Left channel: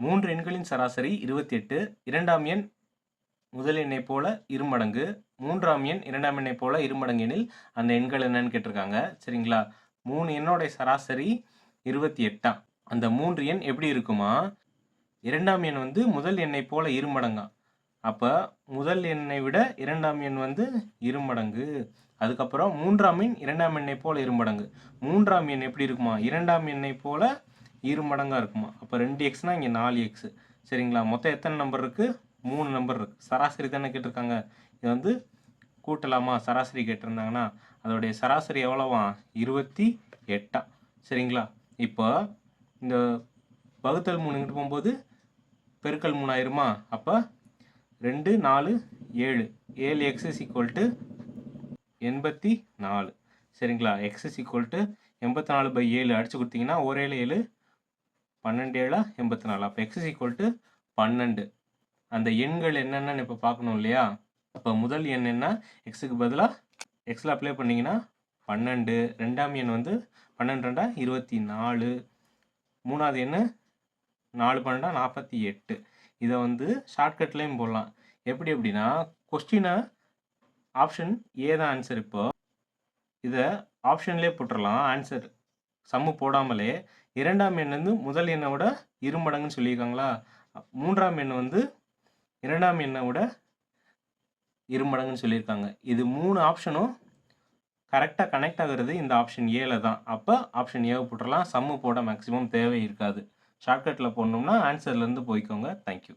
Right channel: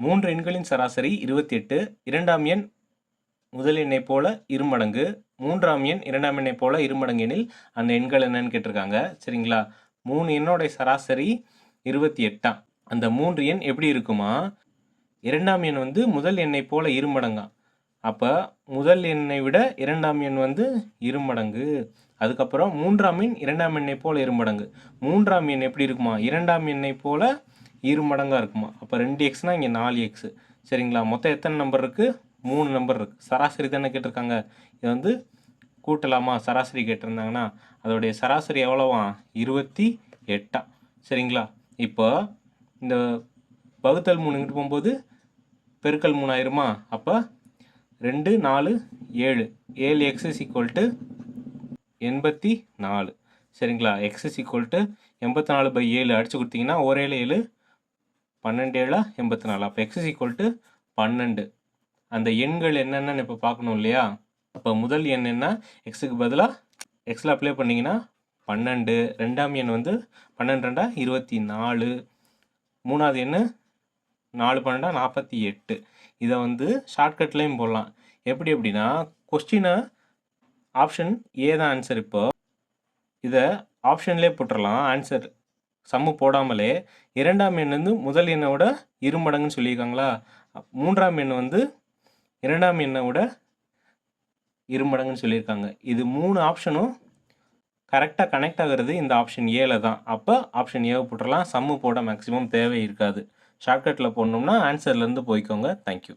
3 எண்களின் சராசரி 28. இரண்டாம் எண் முதல் எண்ணைப் போல இருமடங்கு. மூன்றாம் எண் இரண்டாம் எண்ணைப் போல இருமடங்கு எனில் அந்த எண்கள் என்னன்னு கேட்டிருக்காங்க. சரிங்களா? 3 எண்ணோடைய சராசரி 28. அந்த 3 எண் எப்படி இருக்குமா? இரண்டாம் எண் வந்து முதல் எண்ணைப் போல இருமடங்கா. அப்போ முதல் எண்ணை விட இரண்டாம் எண் வந்து இருமடங்கு. அதுக்கப்புறம் மூன்றாம் எண் இரண்டாம் எண்ணைப் போல இருமடங்கு. மூன்றாம் எண் எப்படி இருக்குமா? இரண்டாம் எண்ணைப் போல இருமடங்காக இருக்குமா? அப்போ 2x இங்கே 4x. சரிங்களா? மொத்தம் எத்தனை நம்பர் இருக்குது? 3 நம்பர் இருக்குது. சராசரி தானே கேட்டிருக்காங்க. இது வந்து கூட்டலாமா? சராசரி கேட்டிருந்தாங்கன்னா அதோடைய சராசரி எவ்வளோவா? 28. சரிங்களா? இப்போ இந்த வகுத்தல் 3 இங்கிட்டு போகும்போது பெருக்கல் 3 ஆயிருமா? அப்போ 2 4 7. 7x = 84. சரிங்களா? x = 84/7 அடிச்சு கொடுத்தீங்கன்னா 1 7 7 12 7 84. அப்போ x = 12. அந்த எண்கள் என்னென்னு இப்போ பார்க்கணும் இல்லையா? அப்போ முதல் எண் என்ன? எக்ஸுக்கு பதிலாக எக்ஸில் அப்ளை பண்ணிங்கன்னா 12. ரெண்டாம் எண் வந்து 12 2 24. மூணாவது எண் 4 12 48. இதை வந்து ஷார்ட்கட்லேயும் போடலாம். எப்படி அப்படின்னா கொஸ்டினை ஆப்ஷன் ஏ தான் ஆன்சர். இப்போ இதை ஆப்ஷன்லேயே போட்டுடலாம். ஆன்சர் சம்மு போடாமலே இரண்டாம் எண் வந்து முதல் எண்ணை விட இருமடங்குன்னு சொல்லியிருக்காங்களா? மூன்றாம் எண் வந்து இரண்டாம் எண்ணை விட இருமடங்குன்னு சொல்லியிருக்காங்க. இது 3 ஆப்ஷனும் கரெக்டாக கனெக்ட் ஆகிறது இந்த ஆப்ஷன் ஏல தான். அப்போ ஆப்ஷன் ஏவை போட்டுடலாம். சம்மு போட மேக்ஸிமம் தேவை இருக்காது. ஷார்ட்கட்டில் போடணும்னா ஆன்சர்லேருந்து போய்க்கோங்க. தேங்க்யூ.